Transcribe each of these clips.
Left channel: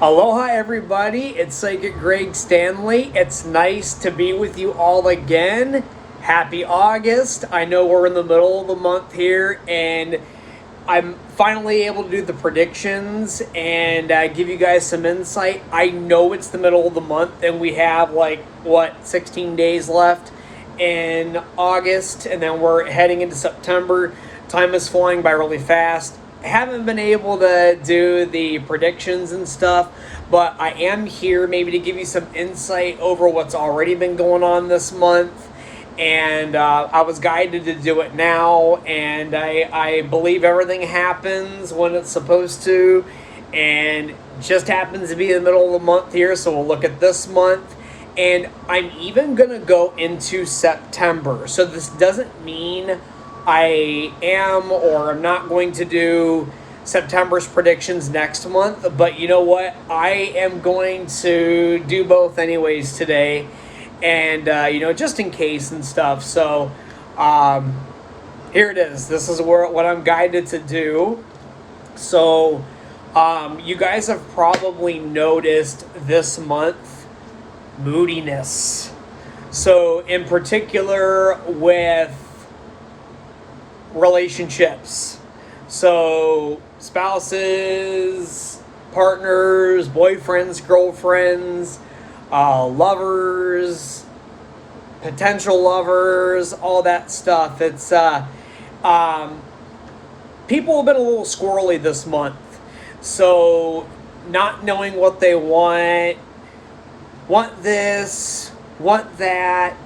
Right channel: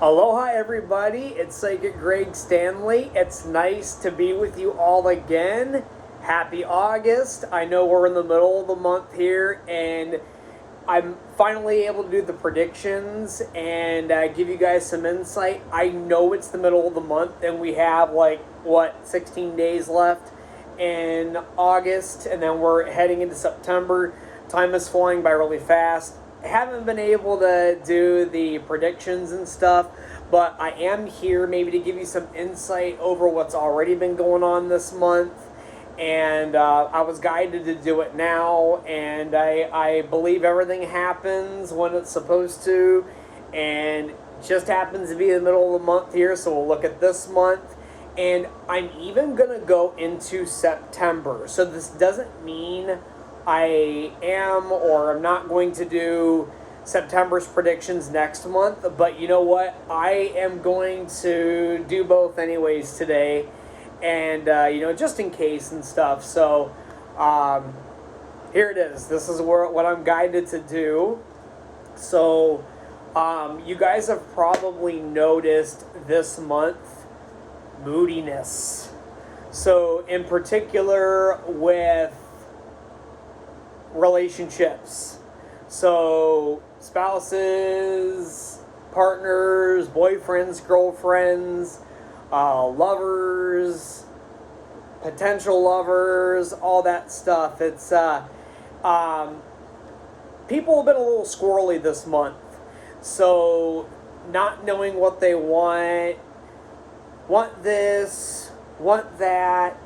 Aloha, everybody. It's Psychic Greg Stanley. It's nice to be with you all again. Happy August. I know we're in the middle of the month here, and I'm finally able to do the predictions and give you guys some insight. I know it's the middle of the month, and we have 16 days left in August, and then we're heading into September. Time is flying by really fast. I haven't been able to do the predictions and stuff, but I am here maybe to give you some insight over what's already been going on this month. And I was guided to do it now, and I believe everything happens when it's supposed to, and just happens to be in the middle of the month here, so we'll look at this month. And I'm even going to go into September, so this doesn't mean I am or I'm not going to do September's predictions next month, but you know what? I am going to do both anyways today, and just in case and stuff. So here it is. This is what I'm guided to do. So you guys have probably noticed this month moodiness. So in particular with relationships. So spouses, partners, boyfriends, girlfriends, lovers, potential lovers, all that stuff. It's people have been a little squirrely this month. So not knowing what they want this, want that.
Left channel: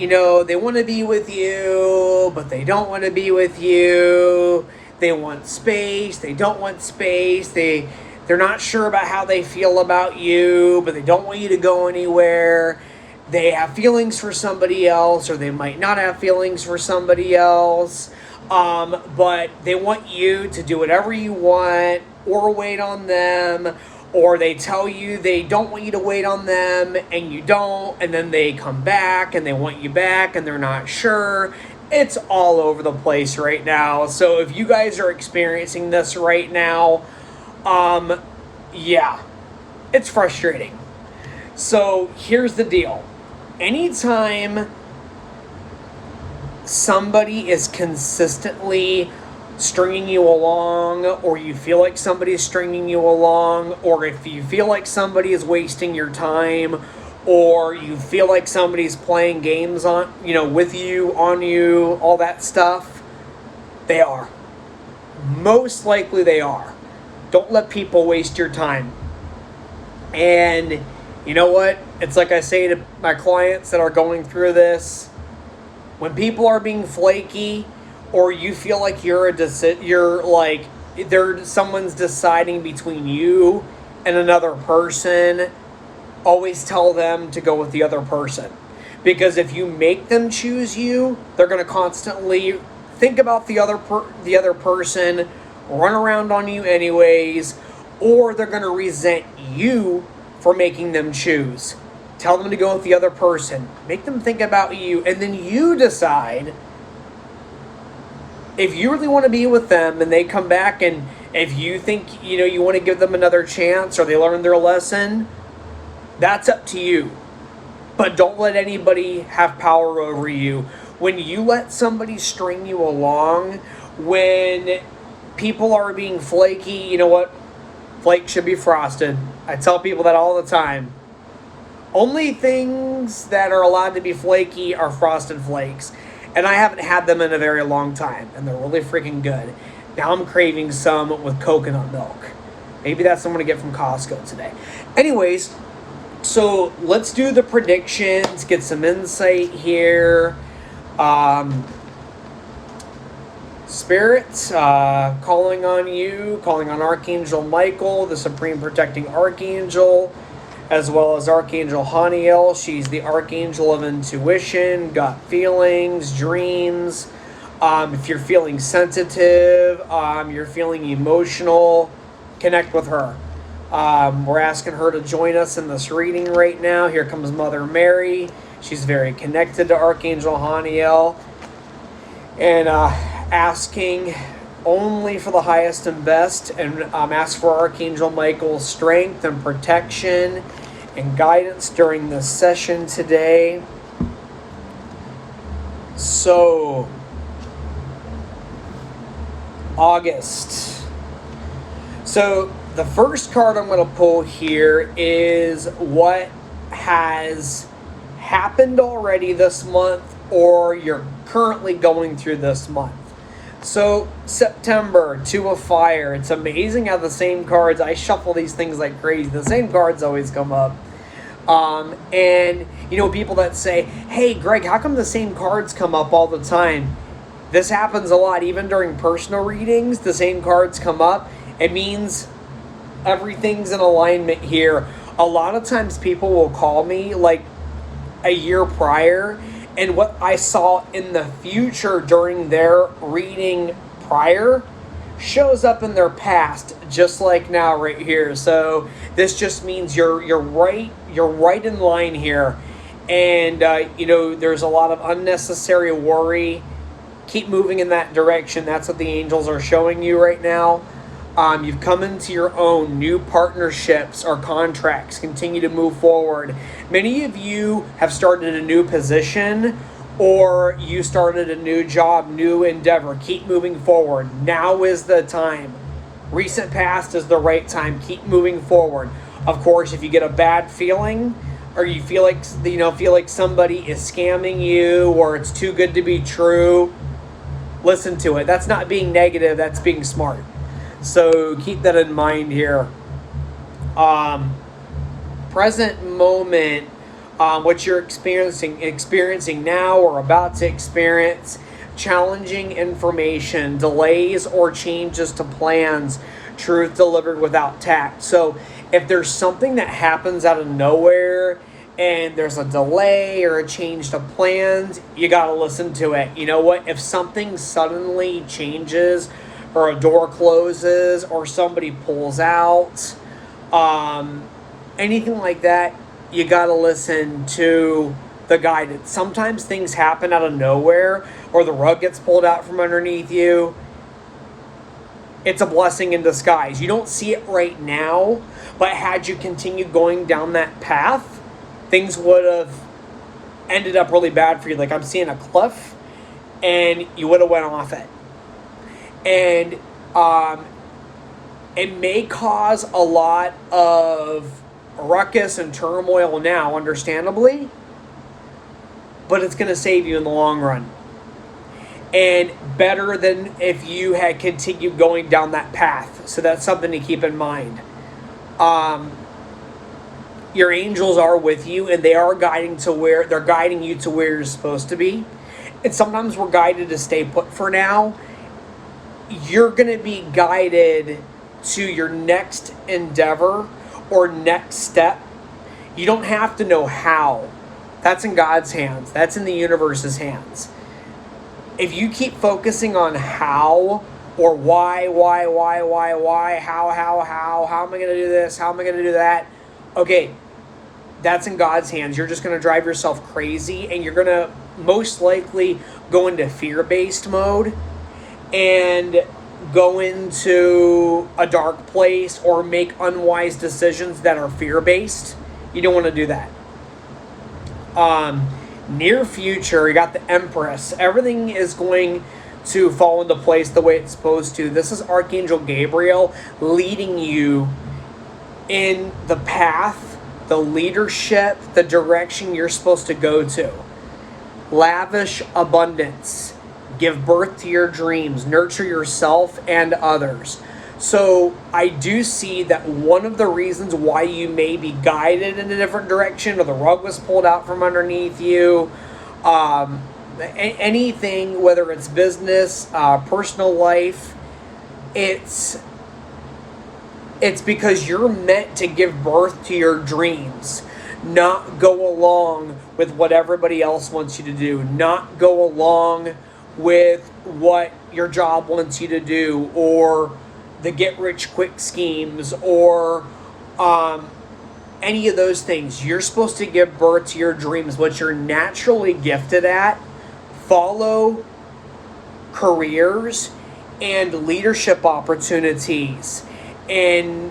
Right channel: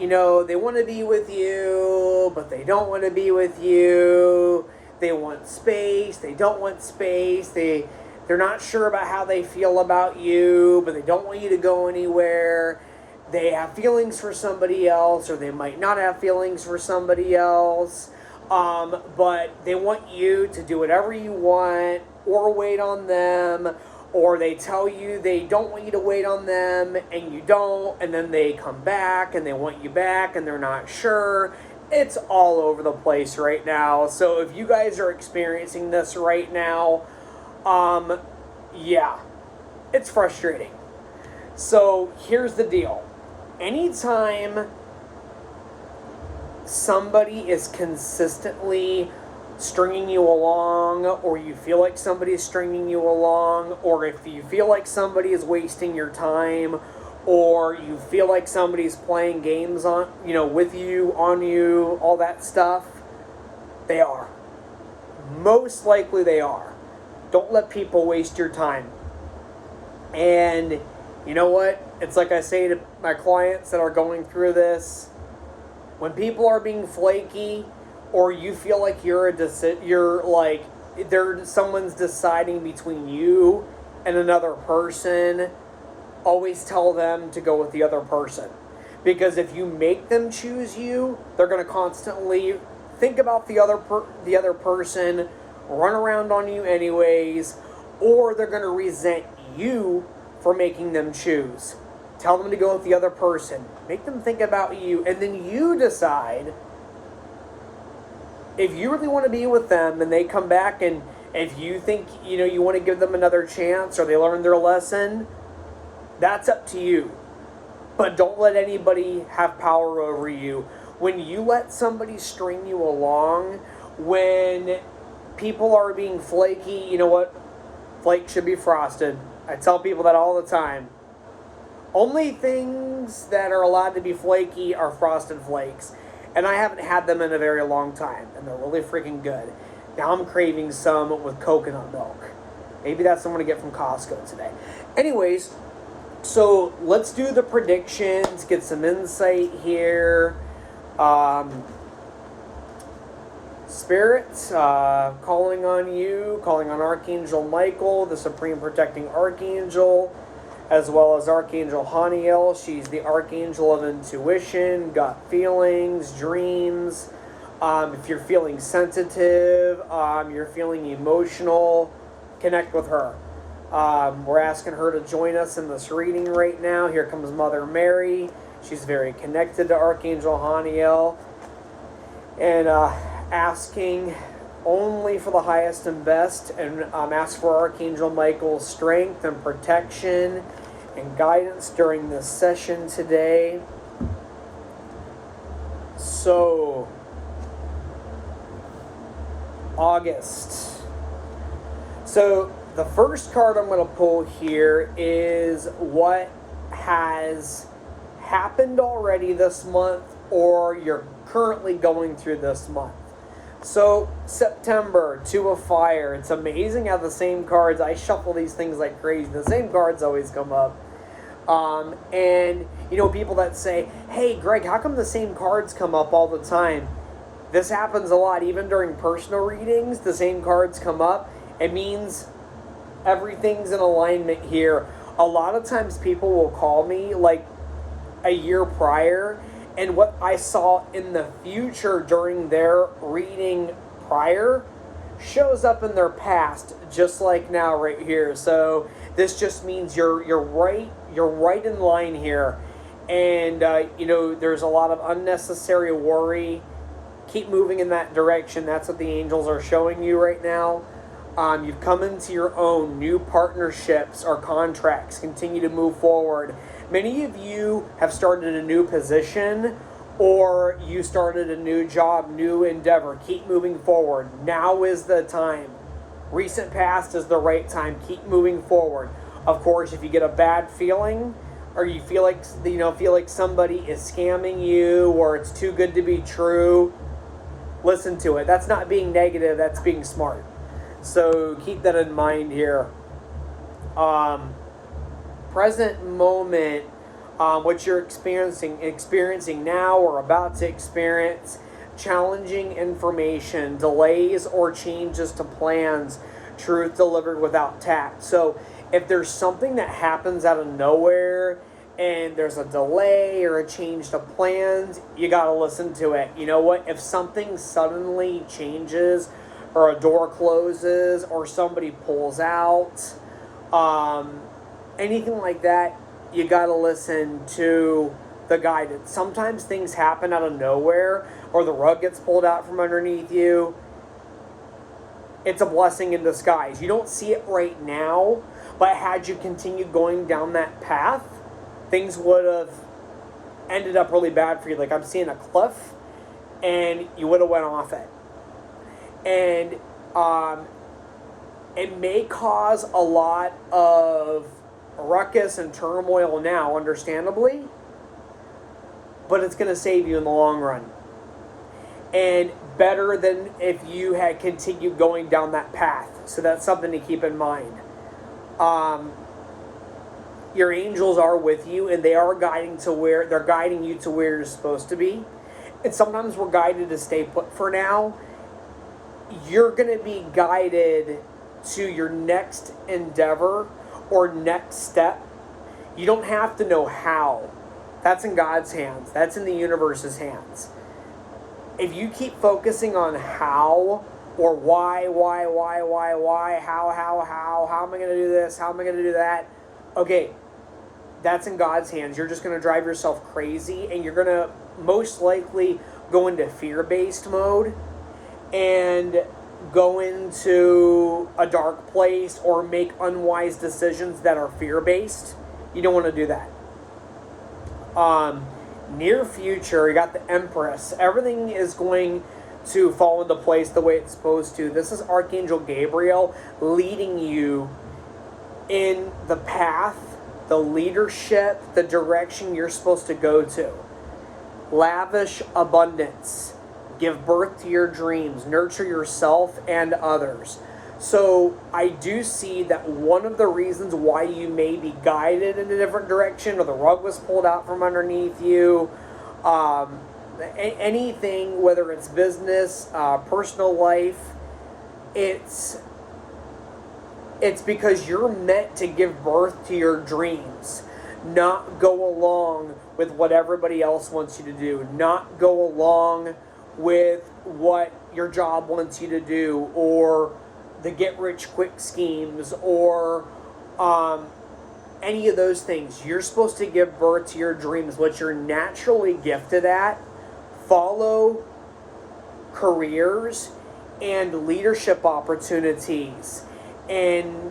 They want to be with you, but they don't want to be with you. They want space. They don't want space. They're not sure about how they feel about you, but they don't want you to go anywhere. They have feelings for somebody else, or they might not have feelings for somebody else. But they want you to do whatever you want or wait on them. Or they tell you they don't want you to wait on them, and you don't, and then they come back, and they want you back, and they're not sure. It's all over the place right now. So if you guys are experiencing this right now, yeah, it's frustrating. So here's the deal. Anytime somebody is consistently stringing you along, or you feel like somebody is stringing you along, or if you feel like somebody is wasting your time, or you feel like somebody's playing games with you, on you, all that stuff, they are. Most likely they are. Don't let people waste your time. And you know what? It's like I say to my clients that are going through this, when people are being flaky, or you feel like someone's deciding between you and another person, always tell them to go with the other person. Because if you make them choose you, they're going to constantly think about the other person, run around on you anyways, or they're going to resent you for making them choose. Tell them to go with the other person. Make them think about you, and then you decide if you really want to be with them and they come back, and if you think, you want to give them another chance or they learn their lesson, that's up to you. But don't let anybody have power over you. When you let somebody string you along, when people are being flaky, you know what? Flake should be frosted. I tell people that all the time. Only things that are allowed to be flaky are frosted flakes. And I haven't had them in a very long time, and they're really freaking good. Now I'm craving some with coconut milk. Maybe that's what I'm going to get from Costco today. Anyways, so let's do the predictions, get some insight here. Spirits, calling on you, calling on Archangel Michael, the Supreme Protecting Archangel, as well as Archangel Haniel. She's the Archangel of intuition, gut feelings, dreams. If you're feeling sensitive, you're feeling emotional, connect with her. We're asking her to join us in this reading right now. Here comes Mother Mary. She's very connected to Archangel Haniel. And asking only for the highest and best, and ask for Archangel Michael's strength and protection and guidance during this session today. So, August. So, the first card I'm going to pull here is what has happened already this month or you're currently going through this month. So, September, Two of Fire. It's amazing how the same cards, I shuffle these things like crazy. The same cards always come up. And, people that say, hey, Greg, how come the same cards come up all the time? This happens a lot. Even during personal readings, the same cards come up. It means everything's in alignment here. A lot of times people will call me like a year prior, and what I saw in the future during their reading prior shows up in their past, just like now right here. So this just means you're right in line here, and there's a lot of unnecessary worry. Keep moving in that direction. That's what the angels are showing you right now. You've come into your own new partnerships or contracts. Continue to move forward. Many of you have started a new position, or you started a new job, new endeavor. Keep moving forward. Now is the time. Recent past is the right time. Keep moving forward. Of course, if you get a bad feeling, or you feel like somebody is scamming you, or it's too good to be true, listen to it. That's not being negative. That's being smart. So keep that in mind here. Present moment, what you're experiencing now or about to experience, challenging information, delays or changes to plans, truth delivered without tact. So if there's something that happens out of nowhere and there's a delay or a change to plans, you got to listen to it. You know what? If something suddenly changes, or a door closes, or somebody pulls out, anything like that, you gotta listen to the guidance. Sometimes things happen out of nowhere, or the rug gets pulled out from underneath you. It's a blessing in disguise. You don't see it right now, but had you continued going down that path, things would have ended up really bad for you. Like I'm seeing a cliff, and you would have went off it. And it may cause a lot of ruckus and turmoil now, understandably, but it's going to save you in the long run. And better than if you had continued going down that path. So that's something to keep in mind. Your angels are with you, and they are guiding you to where you're supposed to be. And sometimes we're guided to stay put for now. You're going to be guided to your next endeavor or next step. You don't have to know how. That's in God's hands. That's in the universe's hands. If you keep focusing on how or why, how am I going to do this? How am I going to do that? Okay, that's in God's hands. You're just going to drive yourself crazy, and you're going to most likely go into fear-based mode and go into a dark place or make unwise decisions that are fear-based. You don't want to do that. Near future, you got the Empress. Everything is going to fall into place the way it's supposed to. This is Archangel Gabriel leading you in the path, the leadership, the direction you're supposed to go to. Lavish abundance. Give birth to your dreams. Nurture yourself and others. So I do see that one of the reasons why you may be guided in a different direction, or the rug was pulled out from underneath you, anything, whether it's business, personal life, it's because you're meant to give birth to your dreams, not go along with what everybody else wants you to do, not go along with what your job wants you to do, or the get-rich-quick schemes, or any of those things. You're supposed to give birth to your dreams, what you're naturally gifted at. Follow careers and leadership opportunities, and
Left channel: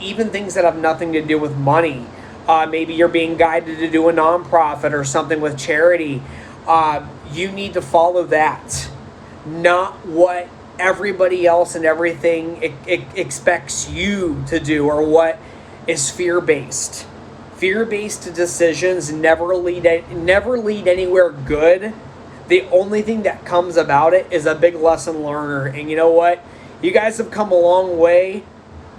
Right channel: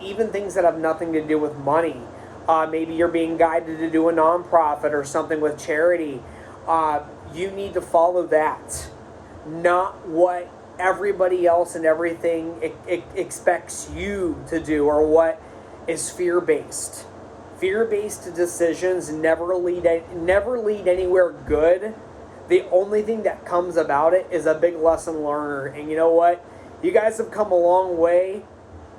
even things that have nothing to do with money. Maybe you're being guided to do a nonprofit or something with charity. You need to follow that, not what everybody else and everything expects you to do, or what is fear-based. Fear-based decisions never lead anywhere good. The only thing that comes about it is a big lesson learner. And you know what? You guys have come a long way.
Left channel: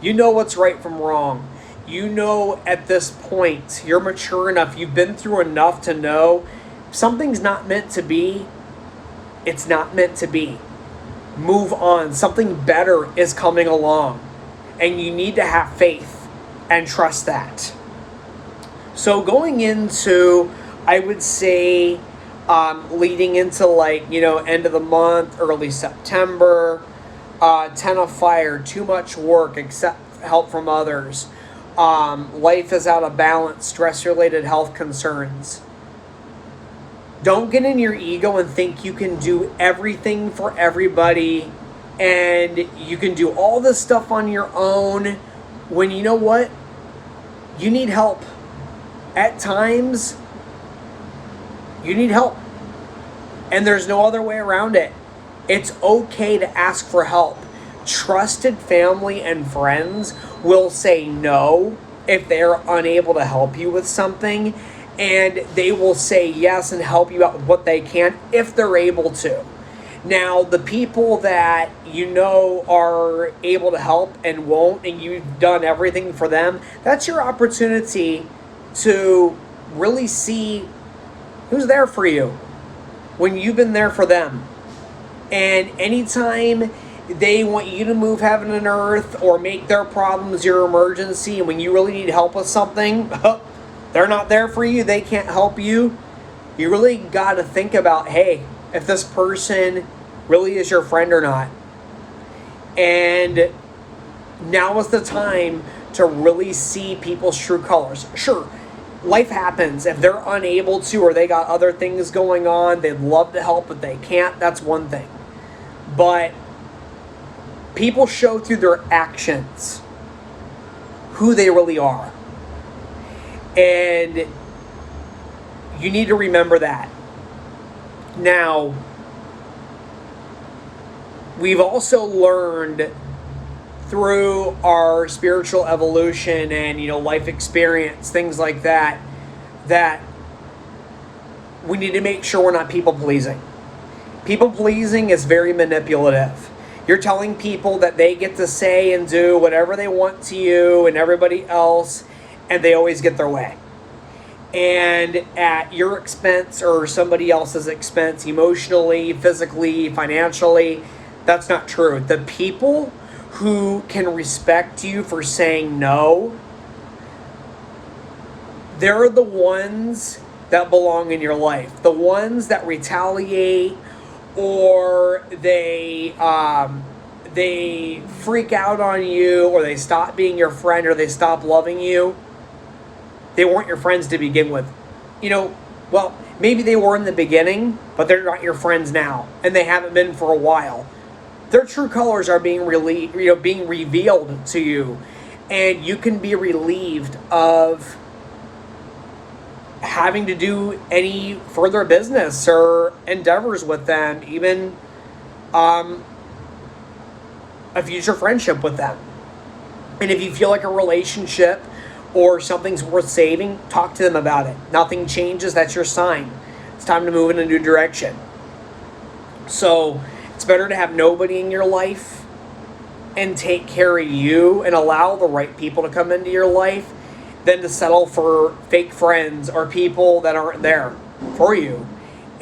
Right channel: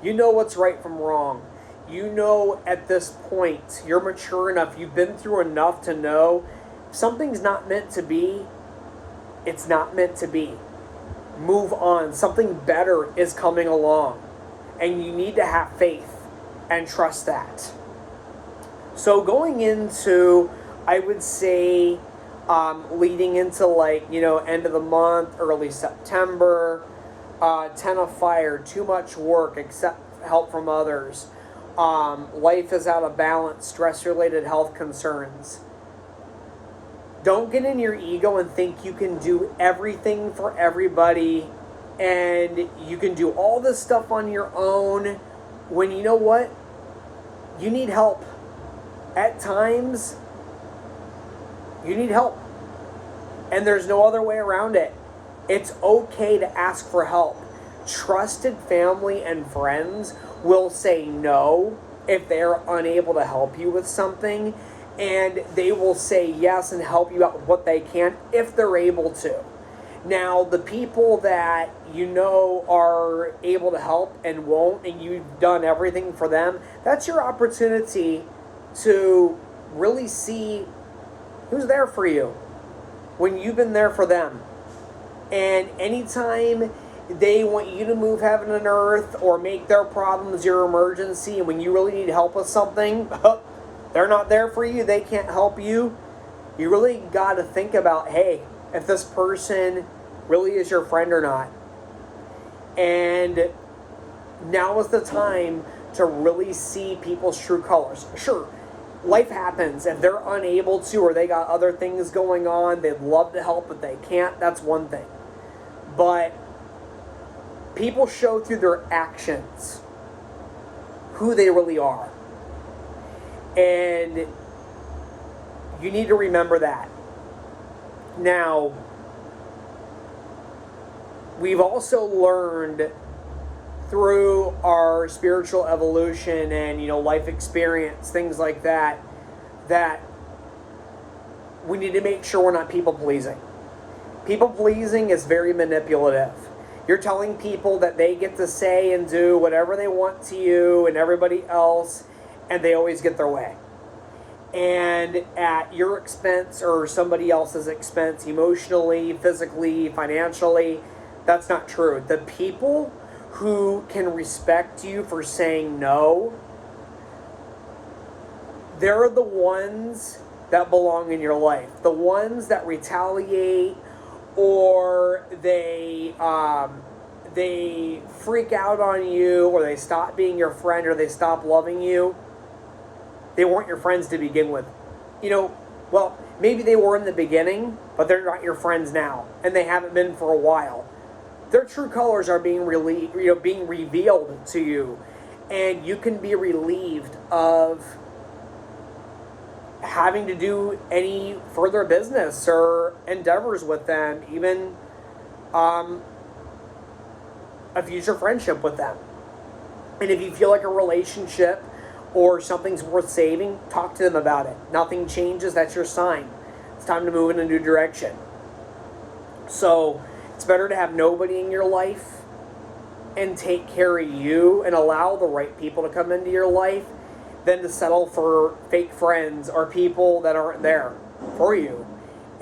You know what's right from wrong. You know at this point, you're mature enough, you've been through enough to know something's not meant to be. It's not meant to be. Move on. Something better is coming along. And you need to have faith and trust that. So going into, I would say, leading into end of the month, early September, 10 of fire, too much work, accept help from others. Life is out of balance, stress-related health concerns. Don't get in your ego and think you can do everything for everybody and you can do all this stuff on your own when you know what? You need help. At times, you need help. And there's no other way around it. It's okay to ask for help. Trusted family and friends will say no if they're unable to help you with something. And they will say yes and help you out with what they can if they're able to. Now, the people that you know are able to help and won't, and you've done everything for them, that's your opportunity to really see who's there for you when you've been there for them. And anytime they want you to move heaven and earth or make their problems your emergency, and when you really need help with something, they're not there for you, they can't help you. You really got to think about, hey, if this person really is your friend or not. And now is the time to really see people's true colors. Sure, life happens. If they're unable to, or they got other things going on, they'd love to help, but they can't, that's one thing. But people show through their actions who they really are. And you need to remember that. Now, we've also learned through our spiritual evolution and, life experience, things like that, that we need to make sure we're not people pleasing. People pleasing is very manipulative. You're telling people that they get to say and do whatever they want to you and everybody else, and they always get their way. And at your expense or somebody else's expense, emotionally, physically, financially, that's not true. The people who can respect you for saying no, they're the ones that belong in your life. The ones that retaliate, or they freak out on you, or they stop being your friend, or they stop loving you, they weren't your friends to begin with. Well, maybe they were in the beginning, but they're not your friends now, and they haven't been for a while. Their true colors are being revealed to you, and you can be relieved of having to do any further business or endeavors with them, even a future friendship with them. And if you feel like a relationship or something's worth saving, talk to them about it. Nothing changes, that's your sign. It's time to move in a new direction. So it's better to have nobody in your life and take care of you and allow the right people to come into your life than to settle for fake friends or people that aren't there for you.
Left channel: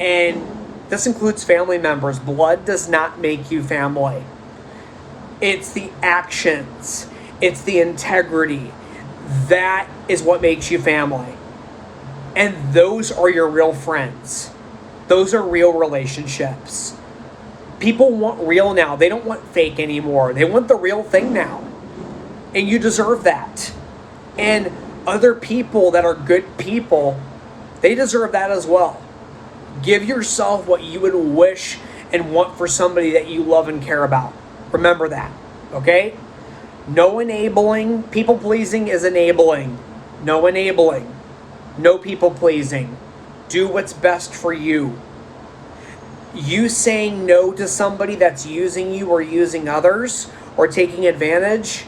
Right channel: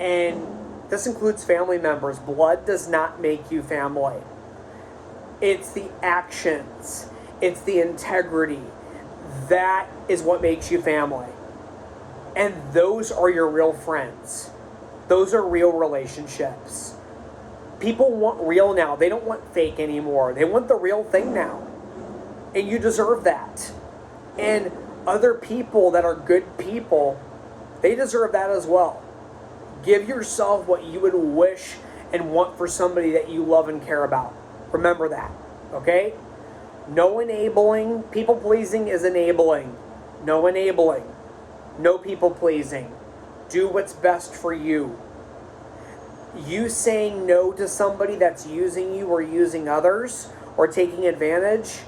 And this includes family members. Blood does not make you family. It's the actions. It's the integrity. That is what makes you family. And those are your real friends. Those are real relationships. People want real now. They don't want fake anymore. They want the real thing now. And you deserve that. And other people that are good people, they deserve that as well. Give yourself what you would wish and want for somebody that you love and care about. Remember that, okay? No enabling. People pleasing is enabling. No enabling. No people pleasing. Do what's best for you. You saying no to somebody that's using you or using others or taking advantage,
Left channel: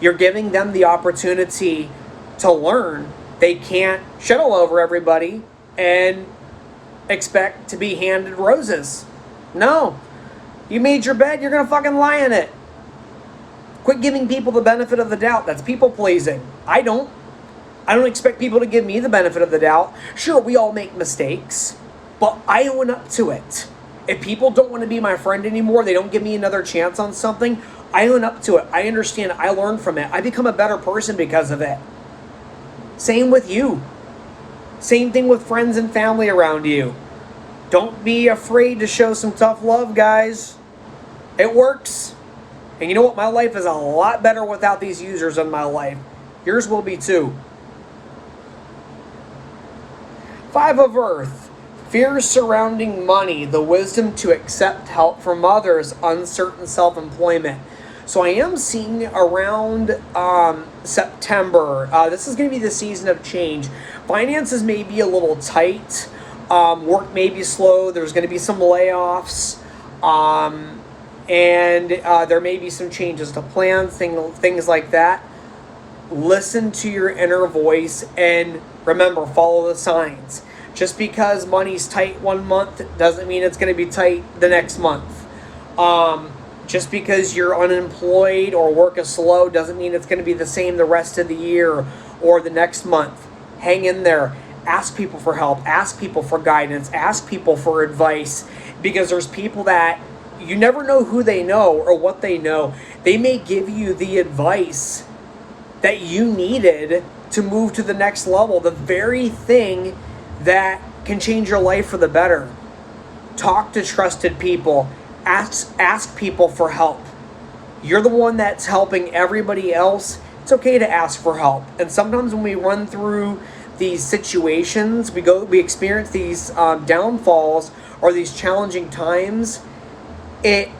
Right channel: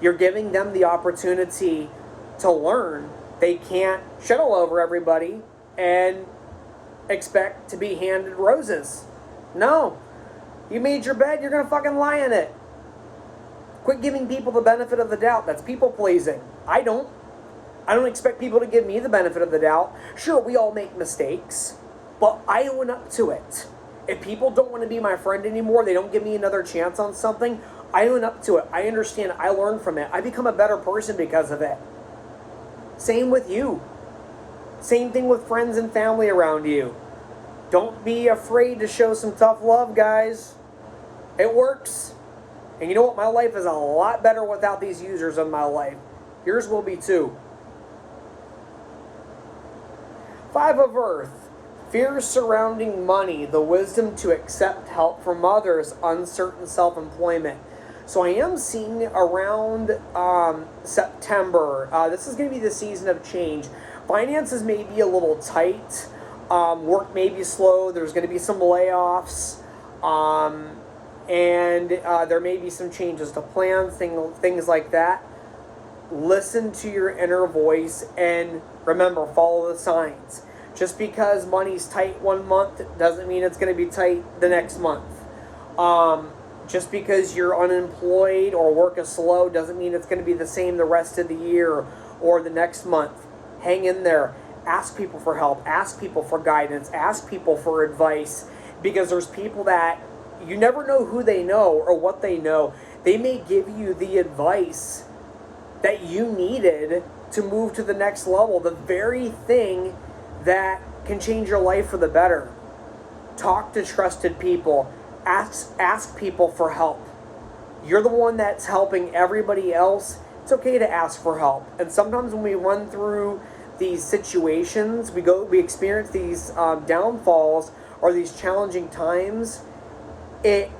you're giving them the opportunity to learn. They can't shit all over everybody and expect to be handed roses. No. You made your bed, you're going to fucking lie in it. Quit giving people the benefit of the doubt. That's people pleasing. I don't expect people to give me the benefit of the doubt. Sure, we all make mistakes, but I own up to it. If people don't want to be my friend anymore, they don't give me another chance on something, I own up to it. I understand. I learn from it. I become a better person because of it. Same with you. Same thing with friends and family around you. Don't be afraid to show some tough love, guys. It works. And you know what? My life is a lot better without these users in my life. Yours will be too. 5 of Earth. Fears surrounding money, the wisdom to accept help from others, uncertain self-employment. So I am seeing around September, this is going to be the season of change. Finances may be a little tight. Work may be slow. There's going to be some layoffs. And there may be some changes to plans, things like that. Listen to your inner voice and remember, follow the signs. Just because money's tight one month doesn't mean it's going to be tight the next month. Just because you're unemployed or work is slow doesn't mean it's going to be the same the rest of the year or the next month. Hang in there. Ask people for help. Ask people for guidance. Ask people for advice. Because there's people that you never know who they know or what they know. They may give you the advice that you needed to move to the next level. The very thing that can change your life for the better. Talk to trusted people. Ask people for help. You're the one that's helping everybody else. It's okay to ask for help. And sometimes when we run through these situations, we experience these downfalls or these challenging times, it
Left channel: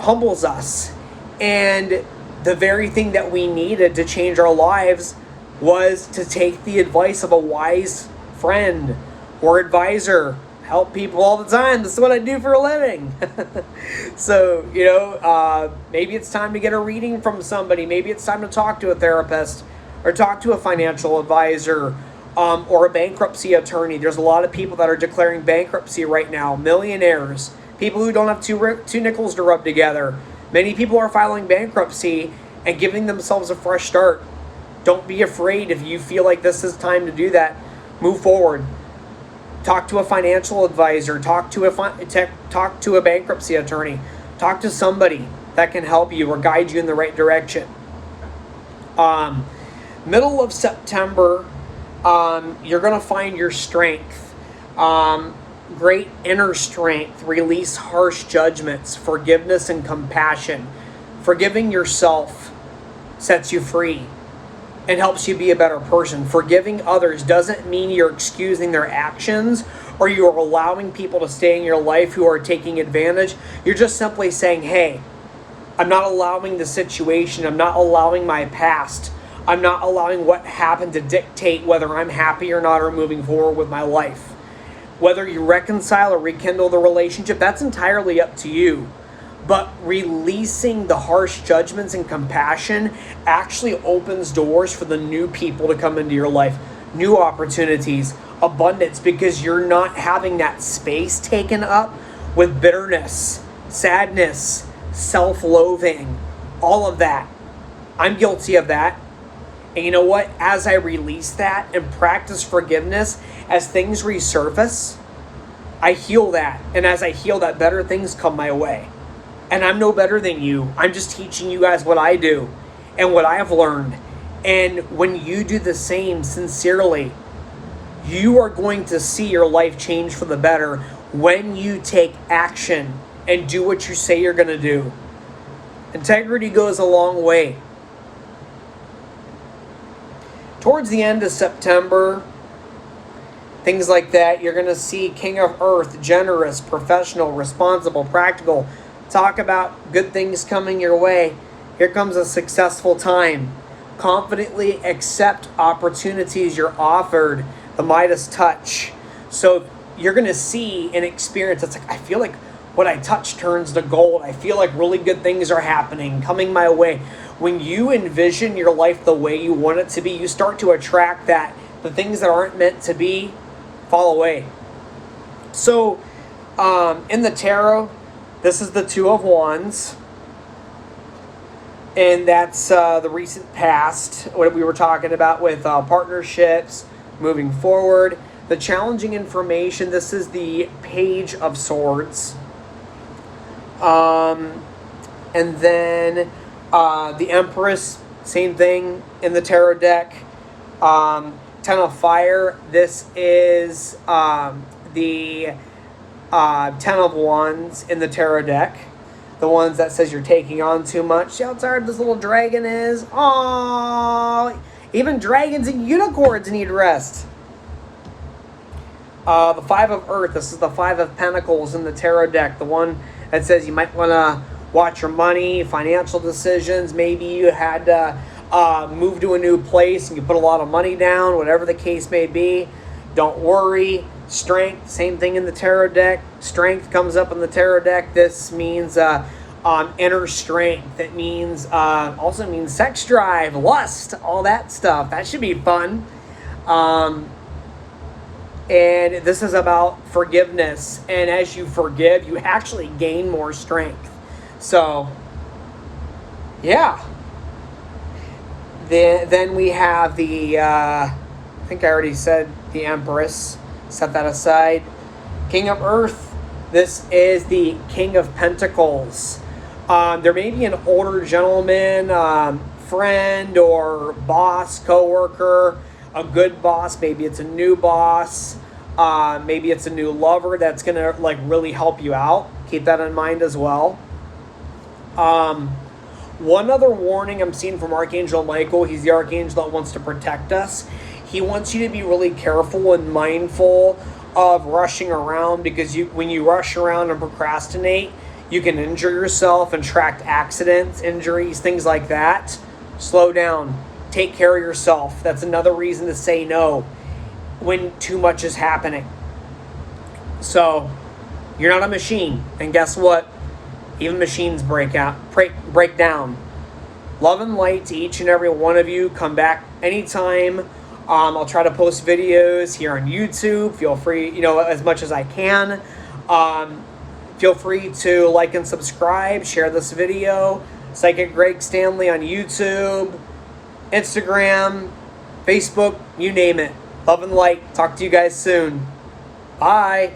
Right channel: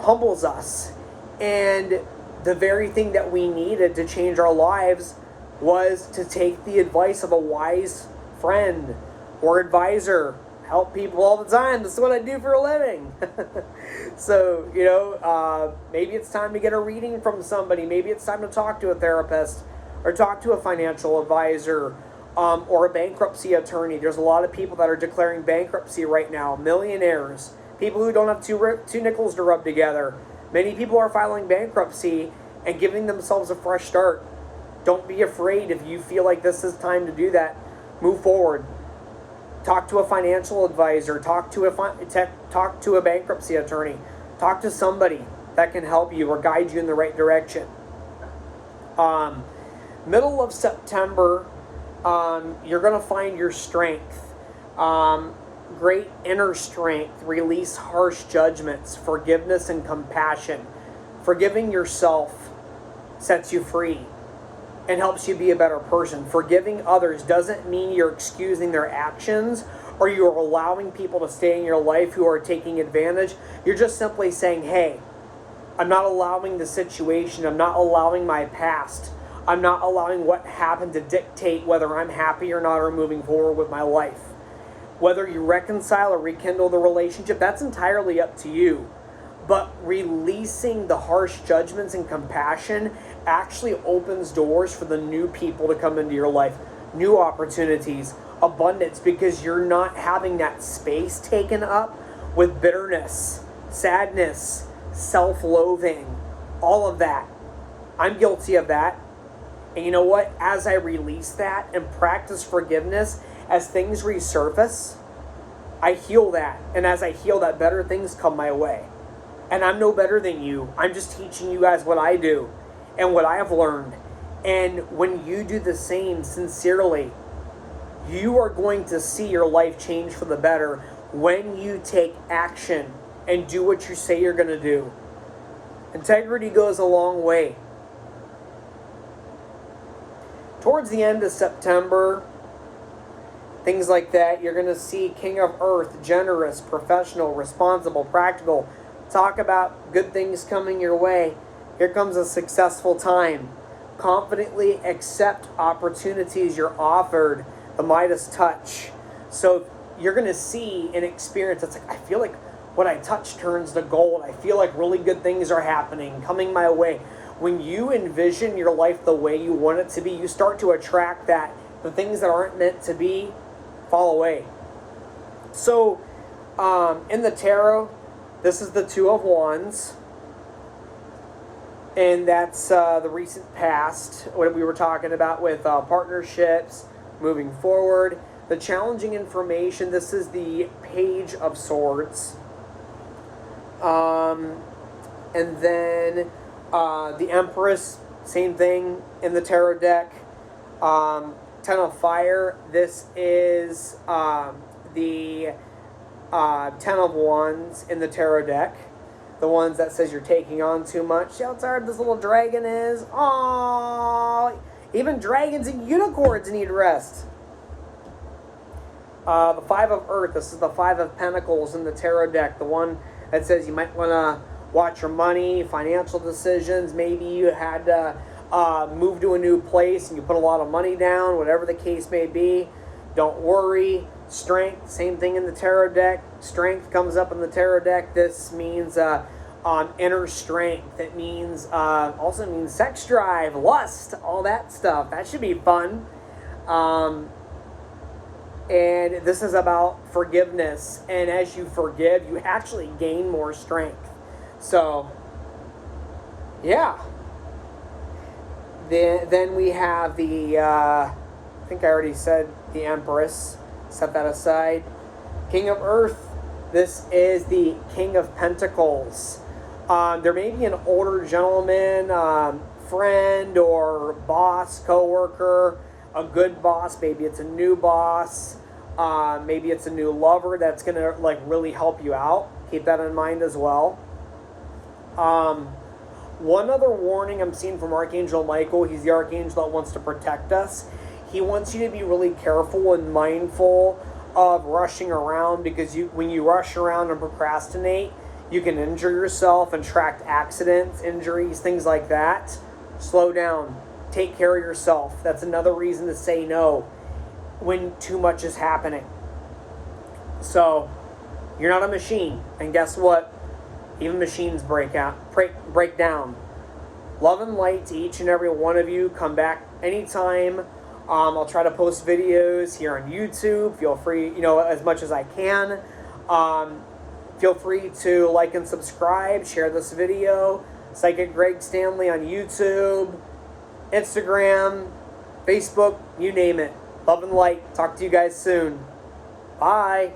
humbles us. And the very thing that we needed to change our lives was to take the advice of a wise friend or advisor. Help people all the time. This is what I do for a living. So, maybe it's time to get a reading from somebody. Maybe it's time to talk to a therapist or talk to a financial advisor or a bankruptcy attorney. There's a lot of people that are declaring bankruptcy right now. Millionaires. People who don't have two nickels to rub together. Many people are filing bankruptcy and giving themselves a fresh start. Don't be afraid if you feel like this is time to do that. Move forward. Talk to a financial advisor. Talk to a bankruptcy attorney. Talk to somebody that can help you or guide you in the right direction. Middle of September, you're going to find your strength. Great inner strength. Release harsh judgments. Forgiveness and compassion. Forgiving yourself sets you free and helps you be a better person. Forgiving others doesn't mean you're excusing their actions or you're allowing people to stay in your life who are taking advantage. You're just simply saying, hey, I'm not allowing the situation. I'm not allowing my past. I'm not allowing what happened to dictate whether I'm happy or not or moving forward with my life. Whether you reconcile or rekindle the relationship, that's entirely up to you. But releasing the harsh judgments and compassion actually opens doors for the new people to come into your life. New opportunities, abundance, because you're not having that space taken up with bitterness, sadness, self-loathing, all of that. I'm guilty of that. And you know what? As I release that and practice forgiveness, as things resurface, I heal that. And as I heal that, better things come my way. And I'm no better than you. I'm just teaching you guys what I do and what I have learned. And when you do the same sincerely, you are going to see your life change for the better when you take action and do what you say you're going to do. Integrity goes a long way. Towards the end of September, things like that. You're going to see King of Earth, generous, professional, responsible, practical. Talk about good things coming your way. Here comes a successful time. Confidently accept opportunities you're offered. The Midas touch. So you're going to see and experience. It's like, I feel like what I touch turns to gold. I feel like really good things are happening, coming my way. When you envision your life the way you want it to be, you start to attract that. The things that aren't meant to be fall away. So in the tarot, this is the Two of Wands. And that's the recent past, what we were talking about with partnerships, moving forward. The challenging information, this is the Page of Swords. And then the Empress, same thing in the tarot deck. Ten of Fire, this is the Ten of Wands in the tarot deck. The ones that says you're taking on too much. See how tired this little dragon is? Aww. Even dragons and unicorns need rest. The Five of Earth. This is the Five of Pentacles in the tarot deck. The one that says you might want to watch your money, financial decisions. Maybe you had to move to a new place and you put a lot of money down, whatever the case may be. Don't worry. Strength, same thing in the tarot deck. Strength comes up in the tarot deck. This means inner strength. It means also means sex drive, lust, all that stuff. That should be fun. And this is about forgiveness. And as you forgive, you actually gain more strength. So, yeah. Then we have the, I think I already said the Empress. Set that aside. King of Earth. This is the King of Pentacles. There may be an older gentleman, friend or boss, co-worker, a good boss. Maybe it's a new boss. Maybe it's a new lover that's going to like really help you out. Keep that in mind as well. One other warning I'm seeing from Archangel Michael. He's the archangel that wants to protect us. He wants you to be really careful and mindful of rushing around, because when you rush around and procrastinate, you can injure yourself and attract accidents, injuries, things like that. Slow down. Take care of yourself. That's another reason to say no when too much is happening. So, you're not a machine. And guess what? Even machines break down. Love and light to each and every one of you. Come back anytime. I'll try to post videos here on YouTube. Feel free, as much as I can. Feel free to like and subscribe. Share this video. Psychic Greg Stanley on YouTube, Instagram, Facebook, you name it. Love and light. Talk to you guys soon. Bye.